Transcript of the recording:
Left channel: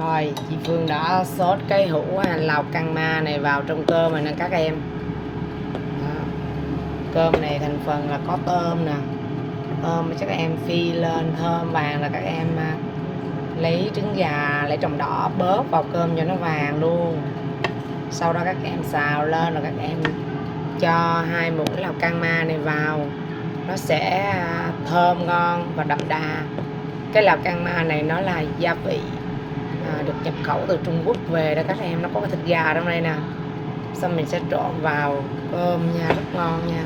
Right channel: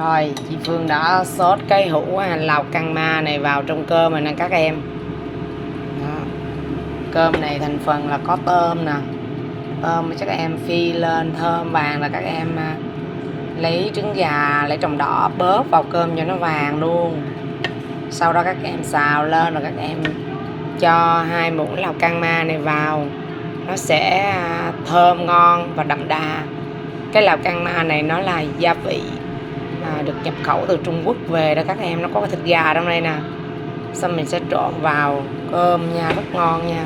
Rồi chị Phương đã sốt cái hũ lào căng ma này vào trong cơm rồi nè các em. Đó. Cơm này thành phần là có tôm nè, tôm cho các em phi lên thơm vàng, là các em lấy trứng gà, lấy trồng đỏ bóp vào cơm cho nó vàng luôn. Sau đó các em xào lên rồi các em cho 2 muỗng lào căng ma này vào, nó sẽ thơm ngon và đậm đà. Cái lào căng ma này nó là gia vị được nhập khẩu từ Trung Quốc về đó các em, nó có cái thịt gà trong đây nè. Xong mình sẽ trộn vào cơm nha, rất ngon nha.